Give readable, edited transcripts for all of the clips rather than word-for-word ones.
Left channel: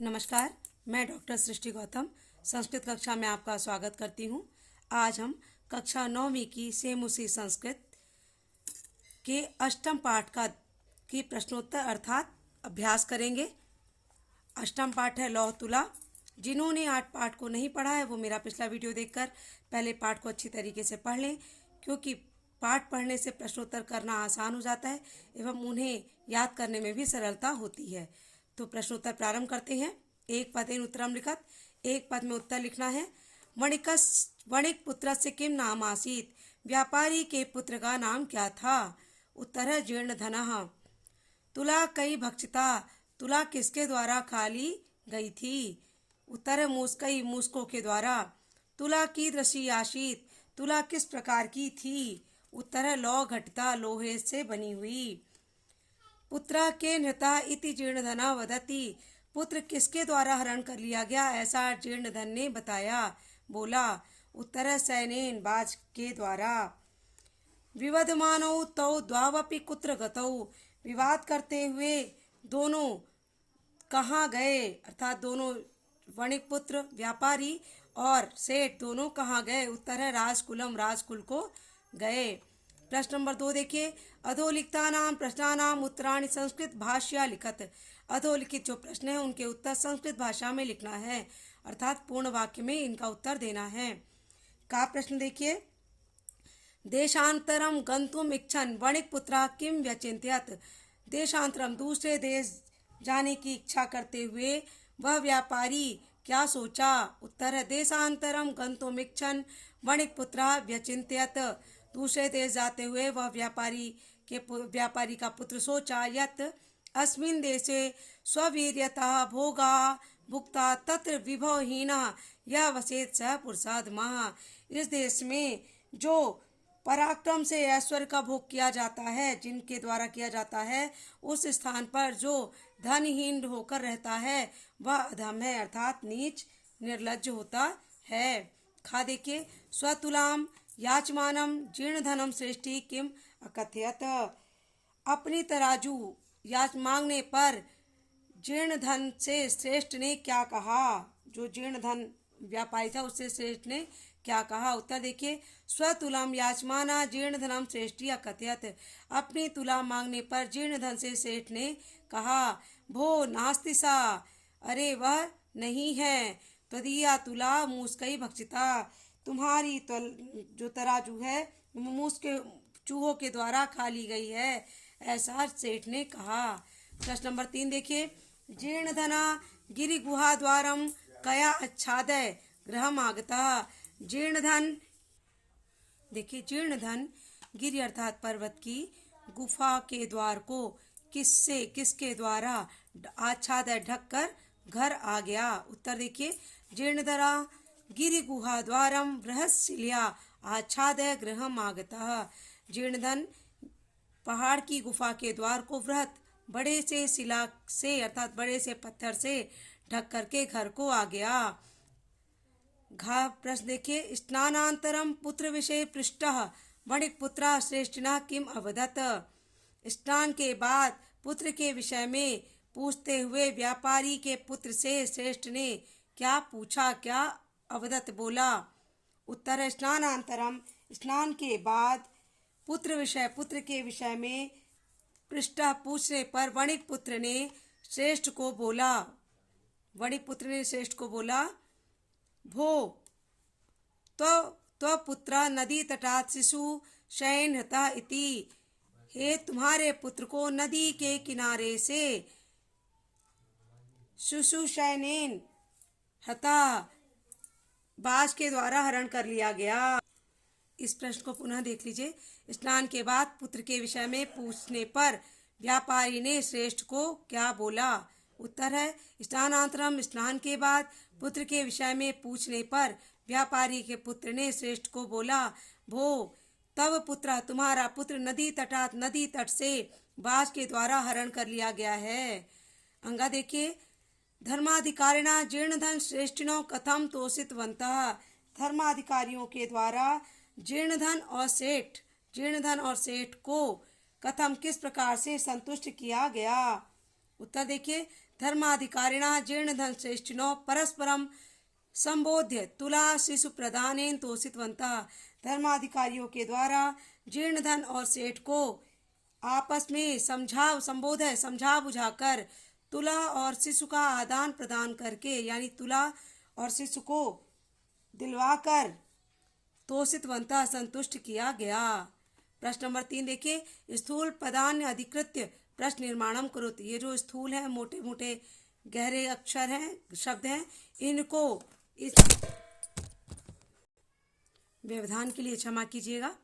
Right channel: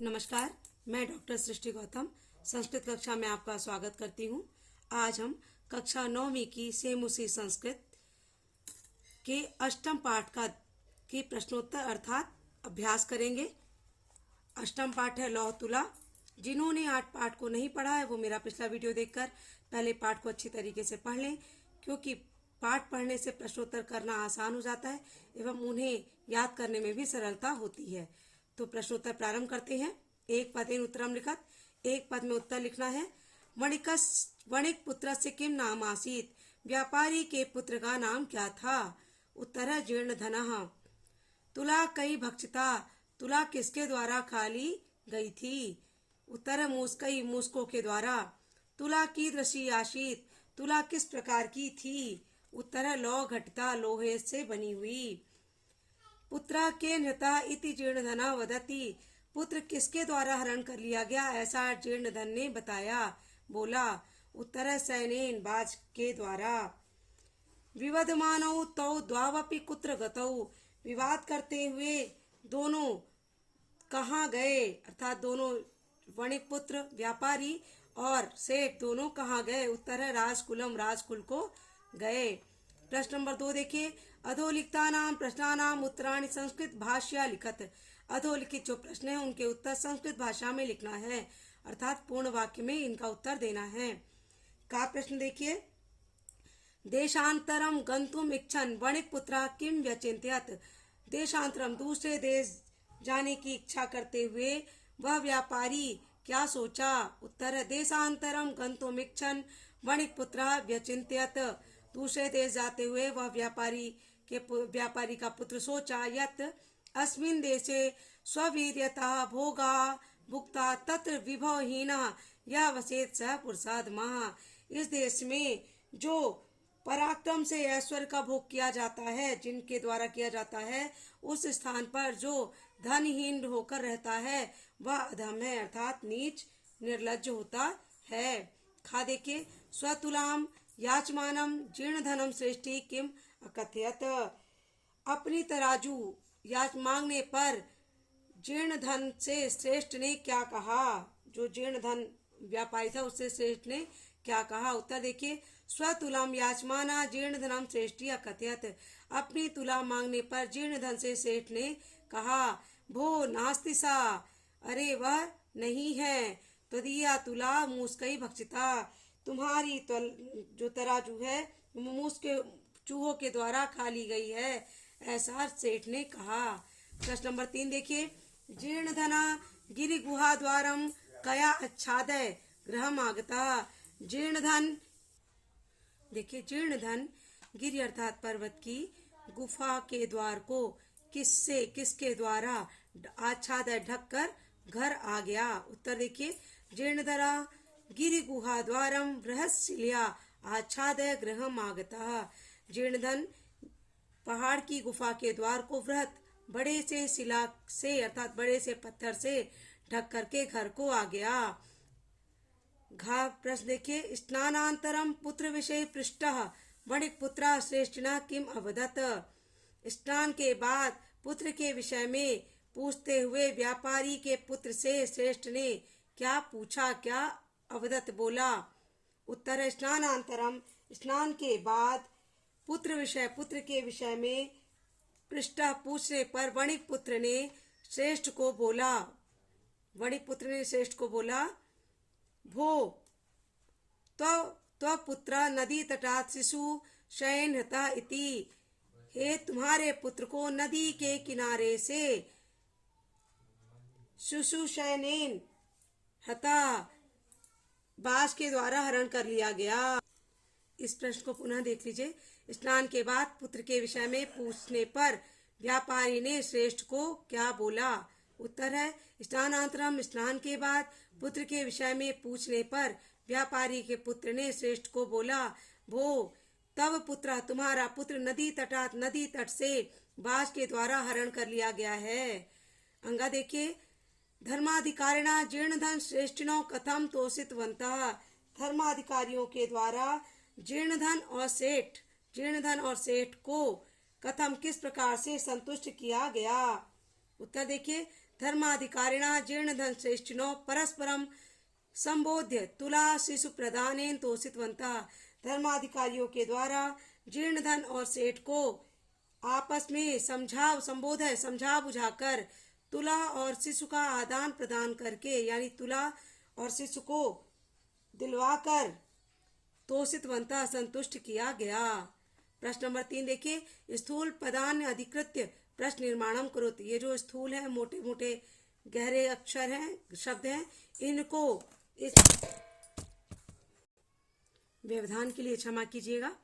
नमस्कार, मैं डॉक्टर सृष्टि गौतम संस्कृत कक्षा में आपका स्वागत करती हूँ। आज हम कक्षा 9वीं की सेम उसी संस्कृत के अष्टम पाठ की प्रश्नोत्तर अर्थात अभ्यास करेंगे। अष्टम पाठ है लौह तुला। जिन्होंने 8 पाठ को नहीं पढ़ा है वो मेरा पिछला वीडियो देखकर पहले पाठ को अच्छी तरीके से पढ़ लें, क्योंकि पाठ पढ़ने से प्रश्नोत्तर करना आसान हो जाता है एवं उन्हें याद करने में भी सरलता होती है। तो प्रश्नोत्तर प्रारंभ करते हैं। एक पदेन उत्तरम लिखत, एक पद में उत्तर लिखना है। वणिक पुत्र से किम नाम आसीत, व्यापारी के पुत्र का नाम क्या था? उत्तर है जीर्ण धनः। तुला कई भक्षिता, तुला किसके द्वारा खाली गई थी? उत्तर है मूसकई, मूसकों के द्वारा। तुला की दृषि आशीत, तुला किस प्रकार की थी? उत्तर है लौ घटिता, लोहे से बनी हुई। पुत्र के नृता इति जीर्णधना वदति, पुत्र किसके द्वारा हरण कर लिया गया ऐसा जीर्णधन ने बताया, बोला? उत्तर है सैनेन, बाज के द्वारा। विवदमानौ तौ द्वावपि कुत्र गतौ, विवाद करते हुए दोनों कहाँ गए? अर्थात दोनों वणिक पुत्र व्यापारी और सेठ दोनों कहाँ गए? उत्तर है राजकुलम, राजकुल को गए। प्रश्न नंबर 2 देखिए। अधोलिखितानां प्रश्नानां उत्तराणि संस्कृत भाषया लिखत। अधोलिखित जो प्रश्न है उनके उत्तर संस्कृत भाषा में लिखना है, अर्थात पूर्ण वाक्य में इनका उत्तर देना है। का प्रश्न देखिए। देशांतरम गंतुम इच्छन वणिक पुत्र किम व्यचिंत्यत, देशांतरम दूसरे देश जाने की इच्छा करते हुए वह व्यापारी क्या सोचा? उत्तर है देशांतरम गंतुम इच्छन वणिक पुत्र व्यचिंत्यत, दूसरे देश जाते हुए वह व्यापारी का पुत्र सोचा यत् अस्मिन् देशे स्ववीर्यतः भोगा भुक्ता तत्र विभवहीना यह वसेत सह पुरुषाधमः, इस देश में जो पराक्रम से ऐश्वर्य का भोग किया जाता है, जिनके द्वारा किया जाता है, उस स्थान पर जो धनहीन होकर रहता है वह अधम है, अर्थात नीच निर्लज्ज होता है। खा देखिए। स्वतुलाम याचमानम जीर्ण धनम श्रेष्ठी किम अकथयत, अपनी तराजू याच मांगने पर जीर्ण धन से श्रेष्ठ ने क्या कहा? जो जीर्ण धन व्यापारी था उससे श्रेष्ठ ने क्या कहा? उत्तर देखिए। स्वतुलाम याचमाना जीर्ण धनम श्रेष्ठी अकथयत, अपनी तुला मांगने पर जीर्ण धन से श्रेष्ठ ने कहा भो नास्ति सा, अरे वह नहीं है। तदीया तुला मूसकई भक्षिता, तुम्हारी जो तराजू है मूस के चूहों के द्वारा खा ली गई है, ऐसा सेठ ने कहा। प्रश्न नंबर 3 देखिए। जीर्ण धना गिरि गुहा द्वारम कया अच्छादय गृहम आगता, जीर्ण धन देखिए। जीर्ण धन गिरि अर्थात पर्वत की गुफा के द्वार को किसके द्वारा आच्छादय ढककर घर आ गया? उत्तर देखिए। जीर्णधरा गिरि गुहा द्वारम बृहस्शिल्या आच्छादय गृहम आगतः, जीर्णधन पहाड़ की गुफा के द्वार को वृहत बड़े से शिला से अर्थात बड़े से पत्थर से ढक करके घर को आ गया। घा प्रश्न देखिए। स्नानांतरम पुत्र विषय पृष्ठः वणिक पुत्र श्रेष्ठिना किम अवदत, स्नान के बाद पुत्र के विषय में पूछते हुए व्यापारी के पुत्र से श्रेष्ठ ने क्या पूछा, क्या अवदत बोला? उत्तर है स्नानांतरम, स्नान के बाद पुत्र के विषय में पृष्ठ पूछने पर वणिक पुत्र ने श्रेष्ठ को बोला, वणिक पुत्र ने श्रेष्ठ को बोला भो तो पुत्र नदी तटात शिशु शयन हता इति, हे तुम्हारे पुत्र को नदी के किनारे से शिशु शयनेन हता बाज के द्वारा हरण कर लिया गया। इस प्रश्न को पुनः देख लीजिए। स्नान के बाद पुत्र के विषय में पूछने पर व्यापारी ने श्रेष्ठ को क्या बोला? उत्तर है स्नानांतरम, स्नान के बाद पुत्र के विषय में पूछने पर व्यापारी के पुत्र ने श्रेष्ठ को बोला भो तब पुत्र, तुम्हारा पुत्र नदी तट से बाज के द्वारा हरण कर लिया गया है। अंगा देखिए। धर्माधिकारिणा जीर्ण धन श्रेष्ठिनो कथम तोषितवन्तः, धर्माधिकारियों के द्वारा जीर्ण धन और सेठ को कथम किस प्रकार से संतुष्ट किया गया? उत्तर देखिए। धर्माधिकारिणः जीर्णधन श्रेष्ठिनो परस्परम संबोध्य तुला शिशु प्रदानेन तोषितवन्तः। धर्माधिकारियों के द्वारा जीर्णधन और सेठ को आपस में समझा बुझाकर तुला और शिशु का आदान प्रदान करके, यानी तुला और शिशु को दिलवाकर तोषितवन्तः संतुष्ट किया गया। प्रश्न नंबर 3 देखिए, स्थूल पदान्य अधिकृत्य प्रश्न निर्माणम करोति। ये जो स्थूल है, मोटे मोटे गहरे अक्षर हैं, शब्द हैं, इनको इस व्यवधान के लिए क्षमा कीजिएगा।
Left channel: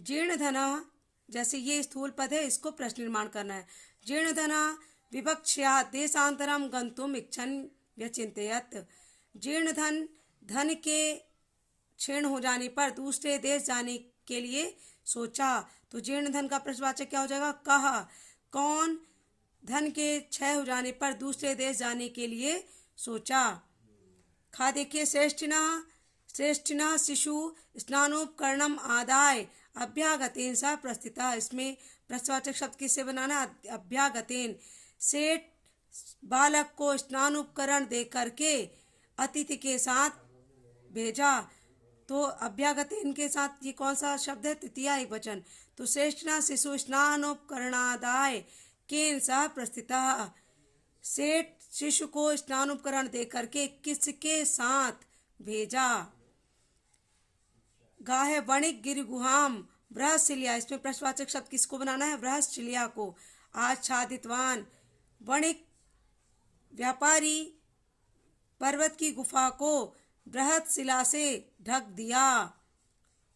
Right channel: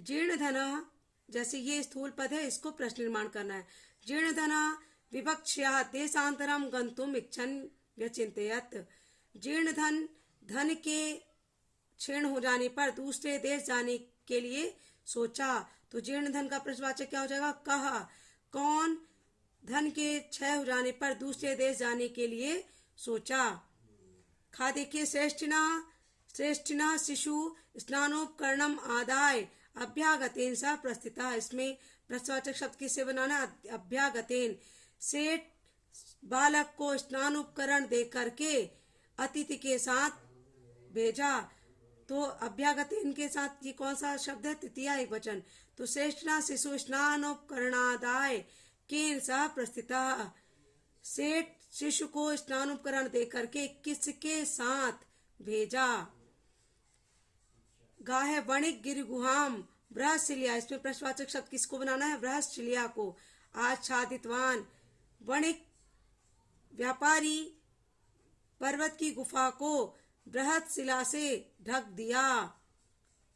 जीर्ण धना, जैसे ये स्थूल पद है, इसको प्रश्न निर्माण करना है। जीर्ण धना विवक्ष्या देशांतरम गंतुम इच्छन व्यचिंतयत। जीर्ण धन के क्षीण हो जाने पर दूसरे देश जाने के लिए सोचा। तो जीर्ण धन का प्रश्नवाचक क्या हो जाएगा? कहा। कौन? धन के क्षय हो जाने पर दूसरे देश जाने के लिए सोचा। खा देखिए, श्रेष्ठिना शिशु स्नानोपकरणम आदाय अभ्यागतेन सा प्रस्थिता। इसमें प्रश्नवाचक शब्द किससे बनाना? अभ्यागतेन। सेठ बालक को स्नानोपकरण दे करके अतिथि के साथ भेजा। तो अभ्यागतेन के साथ ये कौन सा शब्द है? तृतीया एक वचन। तो श्रेष्ठिना शिशु स्नानोपकरणादाय केन सह प्रस्थिता। सेठ शिशु को स्नानोपकरण दे करके किसके साथ भेजा? गाहे वणिक गिर गुहाम बृहस्शिल्या। इसमें प्रश्नवाचक शब्द किसको बनाना है? बृहस्शिल्या को। आच्छादितवान। वणिक व्यापारी पर्वत की गुफा को बृहस्शिला से ढक दिया।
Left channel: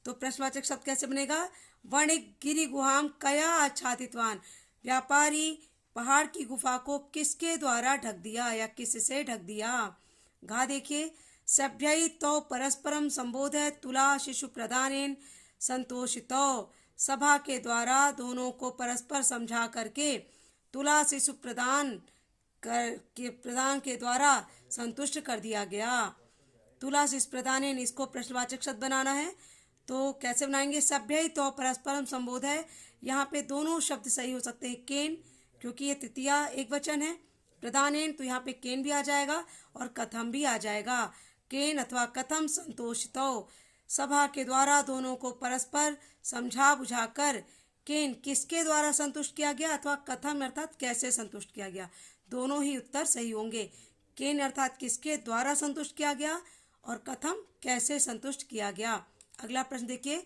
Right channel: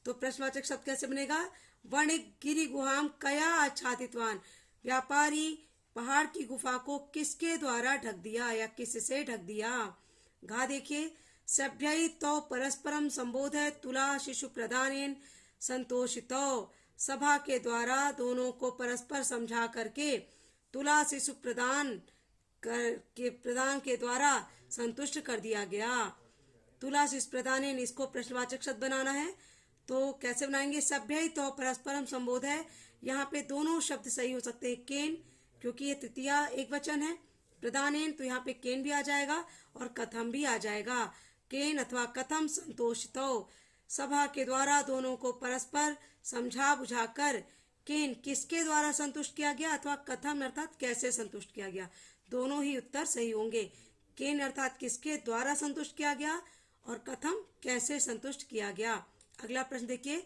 तो प्रश्नवाचक शब्द कैसे बनेगा? वणिक गिरि गुहाम कया आच्छादितवान। व्यापारी पहाड़ की गुफा को किसके द्वारा ढक दिया या किससे ढक दिया? घा देखिए, सभ्यई तो परस्परम संबोधय तुला शिशु प्रदानेन संतोषितो। सभा के द्वारा दोनों को परस्पर समझा करके तुला शिशु प्रदान के द्वारा संतुष्ट कर दिया गया। तुला शिशु प्रदानेन, इसको प्रश्नवाचक शब्द बनाना है। तो कैसे बनाएंगे? सभ्यई तो परस्परम संबोधय। यहाँ पे दोनों शब्द सही हो सकते हैं। केन, क्योंकि ये तृतीया एक वचन है। प्रदानेन, तो यहाँ पे केन भी आ जाएगा और कथम भी आ जाएगा। केन अथवा कथम संतोषितो। सभा के द्वारा दोनों को परस्पर समझा बुझाकर केन किसके द्वारा संतुष्ट किया गया अथवा कथम अर्थात कैसे संतुष्ट किया गया। दोनों ही उत्तर सही होंगे। केन अर्थात किसके द्वारा संतुष्ट किया गया और कथम कैसे संतुष्ट किया गया। अगला प्रश्न देखिए,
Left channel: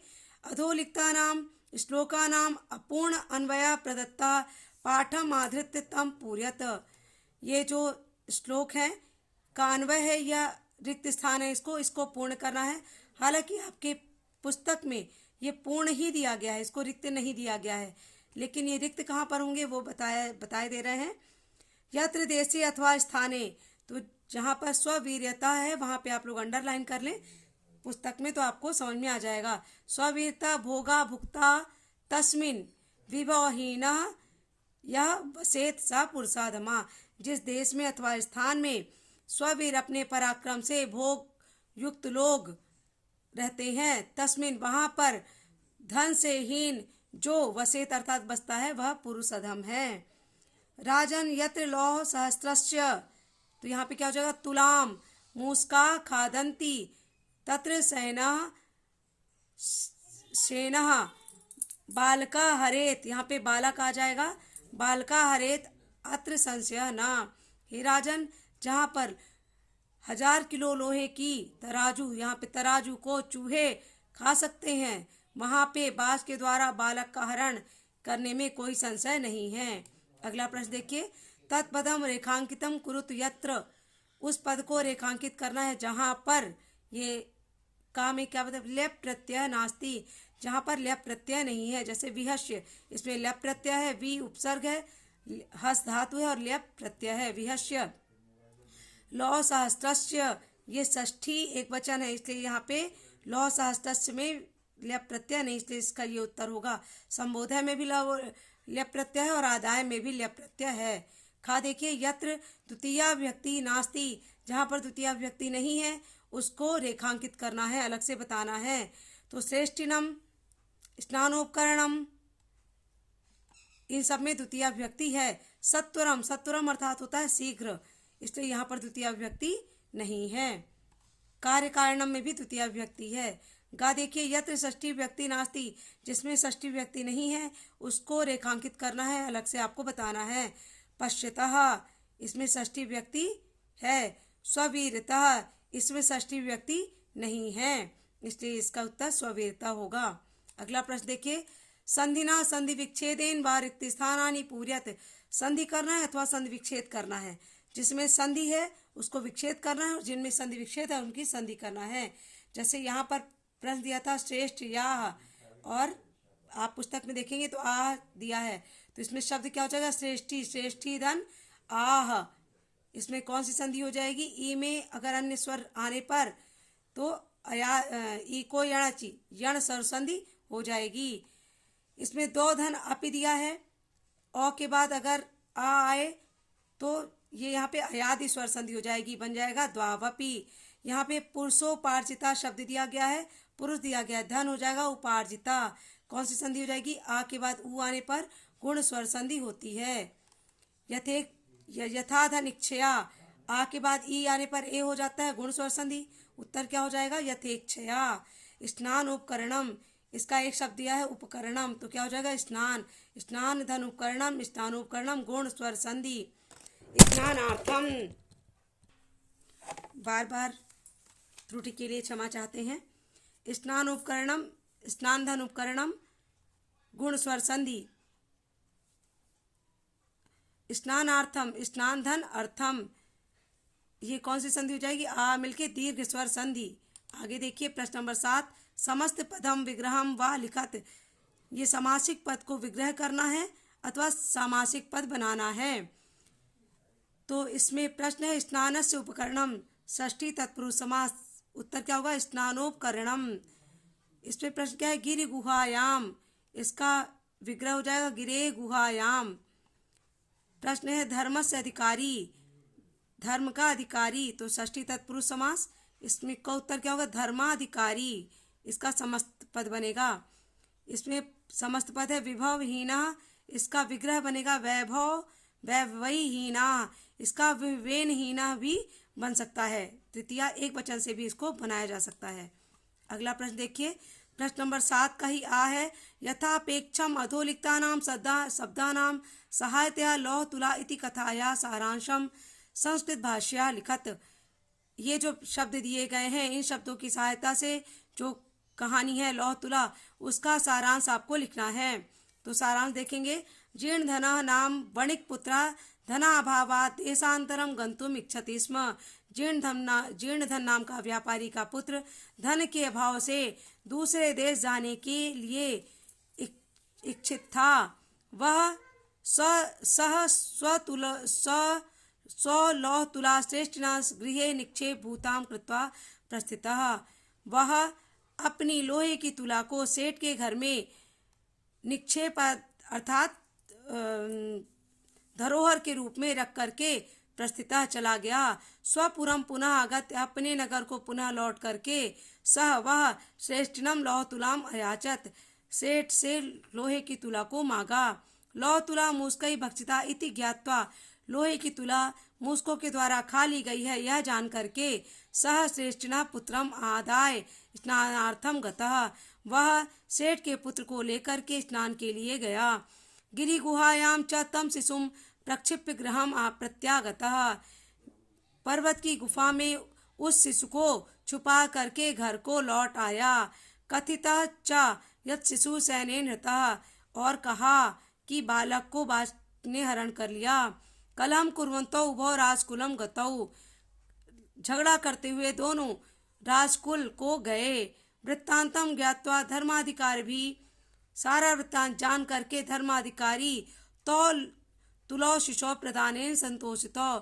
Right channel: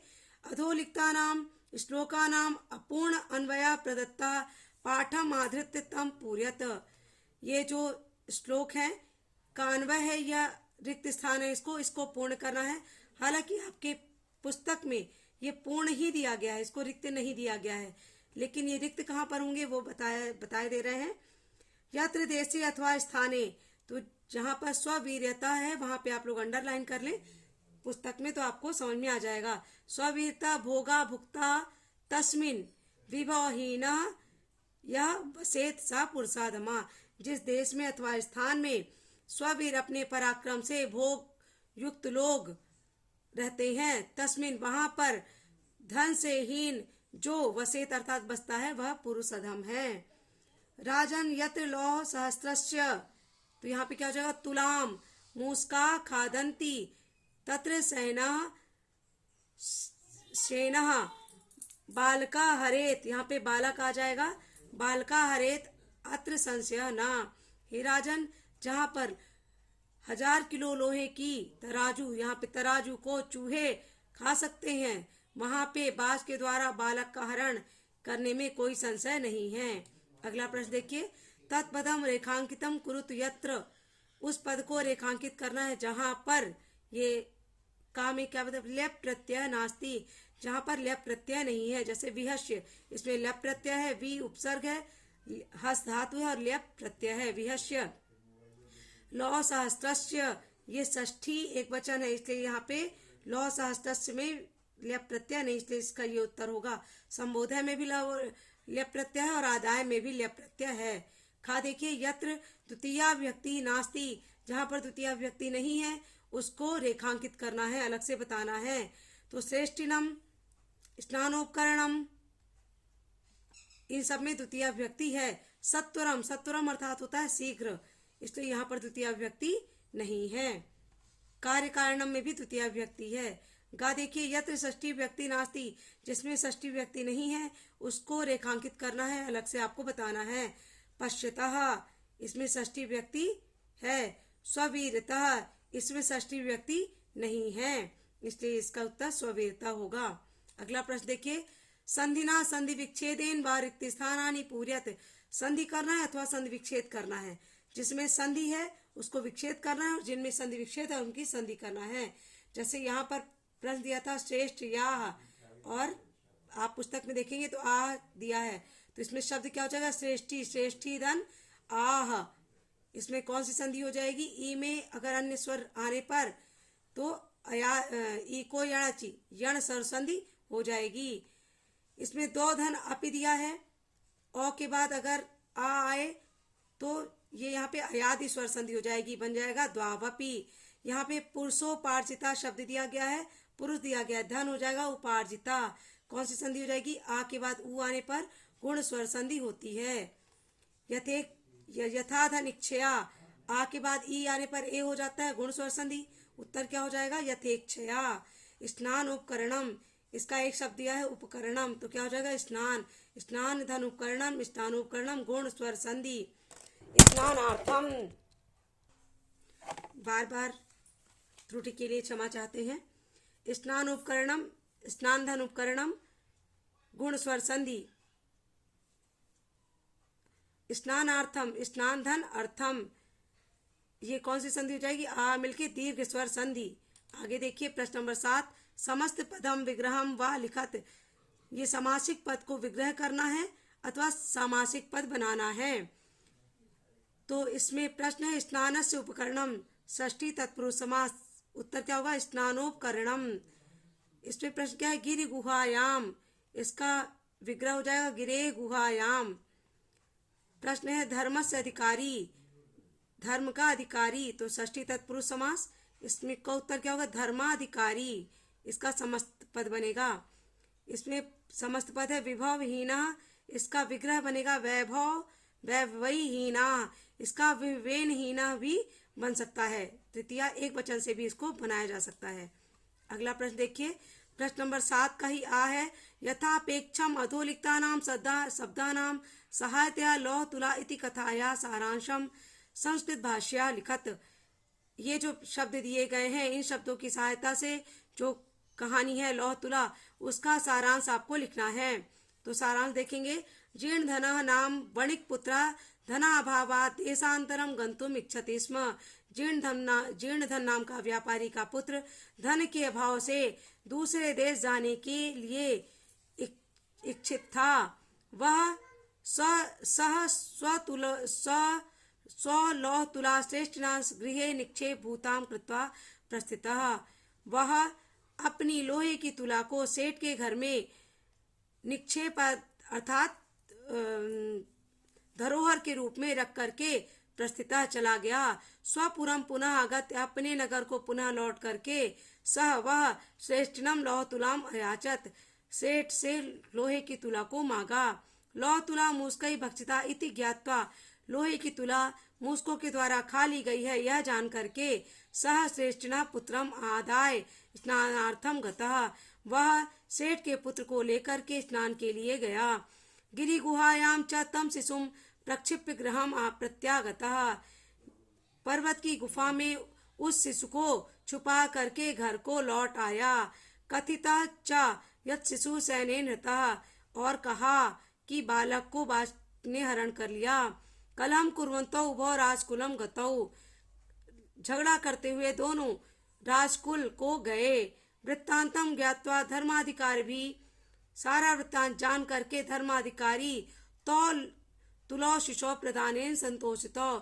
अधोलिखिता नाम श्लोका नाम अपूर्ण अन्वया प्रदत्ता पाठम आधृत्य तम पूर्यत। ये जो श्लोक है का अन्वय है या रिक्त स्थान है, इसको पूर्ण करना है। हालांकि आपके पुस्तक में ये पूर्ण ही दिया गया है, इसको रिक्त नहीं दिया गया है, लेकिन ये रिक्त कहाँ पर होंगे वो बताए दे रहे हैं। यत्र देशी अथवा स्थाने, तो जहाँ पर स्ववीर्यता है वहां पे आप लोग अंडरलाइन कर लें पुस्तक में, तो आपको समझ में आ जाएगा। स्ववीरता भोगा भुक्ता तस्मिन विभवहीना यह वसेत सा पुरुषाधमा। जिस देश में अथवा स्थान में स्ववीर अपने पराक्रम से भोग युक्त लोग रहते हैं, तस्मिन वहां पर धन से हीन जो वसेत अर्थात बसता है वह पुरुष अधम है। राजन यत्र लौह सहस्त्रस्य, तो यहाँ पे क्या हो जाएगा? तुलाम मूस्का खादंती तत्र सेना बालका हरेत। यहाँ पे बालक आ जाएगा। बालका हरेत अत्र संशय ना। हे राजन, जहाँ पर 1000 किलो लोहे की तराजू, यहाँ पे तराजू को चूहे खा सकते हैं, वहां पे बाज के द्वारा बालक का हरण करने में कोई संशय नहीं है। अगला प्रश्न देखिए, तत्पदम रेखांकितम कुरुत यत्र। उस पद को रेखांकित करना है जहां पर ये का में क्या मतलब लेप प्रत्यय नास्ति, जहां पर लेप प्रत्यय नहीं है। जैसे विहस्य, इसमें लेप प्रत्यय है, वी उपसर्ग है, हस धातु है और लेप प्रत्यय है विहस्य। लौ सहस्त्रस्य, ये षष्ठी एक वचन है, इसलिए यहाँ पे लौ सहस्त्रस्य में लेप प्रत्यय नहीं, इसलिए इसका ये उत्तर होगा। संबोधय में भी लेप प्रत्यय है और आदाय में भी लेप प्रत्यय है। खा देखिए, यत्र द्वितीया विभक्ति नास्ति, जहां पर द्वितीया विभक्ति नहीं है उसको रेखांकित करना है, अलग से बताना है। तो श्रेष्ठिनम स्नानोपकरणम, इन सब में द्वितीया विभक्ति है। सत्वरम, सत्वरम अर्थात होता है शीघ्र, इसलिए यहाँ पर द्वितीय विभक्ति नहीं है। कार्य कारणम में भी द्वितीय विभक्ति है। गा देखिए, यत्र षष्ठी विभक्ति नास्ति, जिसमें षष्ठी विभक्ति नहीं है उसको रेखांकित करना है, अलग से आपको बताना है। पश्यतः, इसमें षष्ठी विभक्ति है। स्ववीरतः, इसमें षष्ठी विभक्ति नहीं है, इसलिए इसका उत्तर स्ववीरता होगा। अगला प्रश्न देखिए, संधिना संधि विच्छेदेन व रिक्त स्थानानि पूर्यत, संधि करना है अथवा संधि विच्छेद करना है। जिसमें संधि है उसको विच्छेद करना है और जिनमें संधि विच्छेद है उनकी संधि करना है। जैसे यहाँ पर प्रश्न दिया था श्रेष्ठ याह, और आप पुस्तक में देखेंगे तो आह दिया है, तो इसमें शब्द क्या हो जाएगा, श्रेष्ठी, श्रेष्ठी धन आह। इसमें कौन सी संधि हो जाएगी, ई में अगर अन्य स्वर आने पर तो ई को यणाची, यण स्वर संधि हो जाएगी। इसमें दो धन अपि दिया है, अ के बाद अगर आ आए तो ये यहाँ पे अयादि स्वर संधि हो जाएगी, बन जाएगा द्वावपि। यहाँ पे पुरुषोपार्जिता शब्द दिया गया है, पुरुष दिया गया है, धन हो जाएगा उपार्जिता। कौन सी संधि हो जाएगी, आ के बाद उ आने पर गुण स्वर संधि होती है। यथा धन इच्छया, आ के बाद ई आने पर ए हो जाता है, गुण स्वर संधि। उत्तर क्या हो जाएगा, यथेच्छया। स्नान उपकरणम, इसका एक शब्द दिया है उपकरणम, तो क्या हो जाएगा, स्नान, स्नान धन उपकरणम, स्नान उपकरणम गुण स्वर संधि। स्नानार्थम, बार बार त्रुटि के लिए क्षमा चाहते हैं। स्नान उपकरणम, स्नान धन उपकरणम गुण स्वर संधि। स्नानार्थम, स्नान धन अर्थम, ये कौन सी संधि हो जाएगी, आ मिलके दीर्घ स्वर संधि। आगे देखिए प्रश्न नंबर 7, समस्त पदम विग्रहम व लिखत, ये समासिक पद को विग्रह करना है अथवा सामासिक पद बनाना है। तो इसमें प्रश्न है स्नानस्य उपकरणम, षष्ठी तत्पुरुष समास। उत्तर क्या होगा, स्नानोपकरणम। इसमें प्रश्न क्या है, गिरि गुहायाम, इसका विग्रह हो जाएगा गिरे गुहायाम। प्रश्न है धर्म से अधिकारी, धर्म का अधिकारी, तो षष्ठी तत्पुरुष समास। इसमें का उत्तर क्या होगा, धर्माधिकारी, इसका समस्त पद बनेगा। इसमें समस्त पद है विभवहीना, इसका विग्रह बनेगा वैभव वैभवहीना, इसका विवेनहीना भी बन सकता है। तृतीया एक वचन से भी इसको बनाया जा सकता है। अगला प्रश्न देखिए, प्रश्न नंबर 7 का ही आ है, यथापेक्षम अधोलिखितानां शब्दानां सहायतया लौह तुला इति कथाया सारांशम संस्कृत भाष्या लिखत। ये जो शब्द दिए गए हैं, इन शब्दों की सहायता से जो कहानी है लौह तुला, उसका सारांश आपको लिखना है। तो सारांश देखेंगे, जीर्ण धना नाम वणिक पुत्रा धनाभावात् देशांतरम गंतुम इच्छति स्म। जीर्ण धन नाम का व्यापारी का पुत्र धन के अभाव से दूसरे देश जाने के लिए इच्छित था। वह लौह तुला श्रेष्ठिना गृहे निक्षेप भूताम कृत्वा प्रस्थितः। वह अपनी लोहे की तुला को सेठ के घर में निक्षेप अर्थात धरोहर के रूप में रख करके प्रस्थिता चला गया। स्वपुरम पुनः आगत, अपने नगर को पुनः लौट करके सह वह श्रेष्ठिनम लौह तुलाम अयाचत, सेठ से लोहे की तुला को मांगा। लौह तुला मूस्कई भक्षिता इति ज्ञात्वा, लोहे की तुला मूस्कों के द्वारा खा ली गई है यह जान करके सह श्रेष्ठिना पुत्रम आदाय स्नानार्थम गतः, वह सेठ के पुत्र को लेकर के स्नान के लिए गया। गिरि गुहायाम च तम शिशुम प्रक्षिप्य गृहम प्रत्यागतः, पर्वत की गुफा में उस शिशु को छुपा करके घर को लौट आया। कथिता च यत् शिशु सैनेन हृतः, और कहा कि बालक को बाज ने हरण कर लिया। कलम कुर्वन्तौ उभौ राजकुलम गतौ, झगड़ा करते हुए दोनों राजकुल को गए। वृत्तांतम ज्ञात्वा धर्माधिकारी भी, सारा वृत्तांत जान करके धर्माधिकारी तो तुला शिशु प्रदानेन संतोषितो,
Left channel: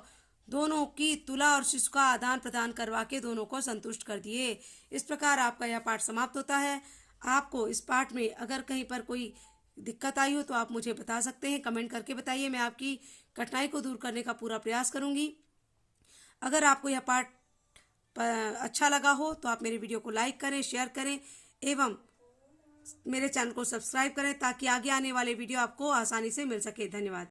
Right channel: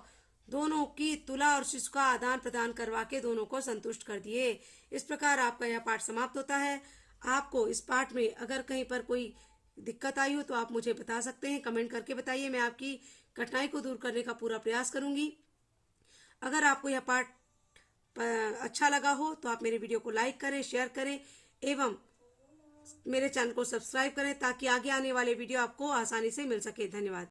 दोनों की तुला और शिशु का आदान प्रदान करवा के दोनों को संतुष्ट कर दिए। इस प्रकार आपका यह पाठ समाप्त होता है। आपको इस पाठ में अगर कहीं पर कोई दिक्कत आई हो तो आप मुझे बता सकते हैं, कमेंट करके बताइए। मैं आपकी कठिनाई को दूर करने का पूरा प्रयास करूंगी। अगर आपको यह पाठ अच्छा लगा हो तो आप मेरे वीडियो को लाइक करें, शेयर करें एवं मेरे चैनल को सब्सक्राइब करें ताकि आगे आने वाले वीडियो आपको आसानी से मिल सके। धन्यवाद।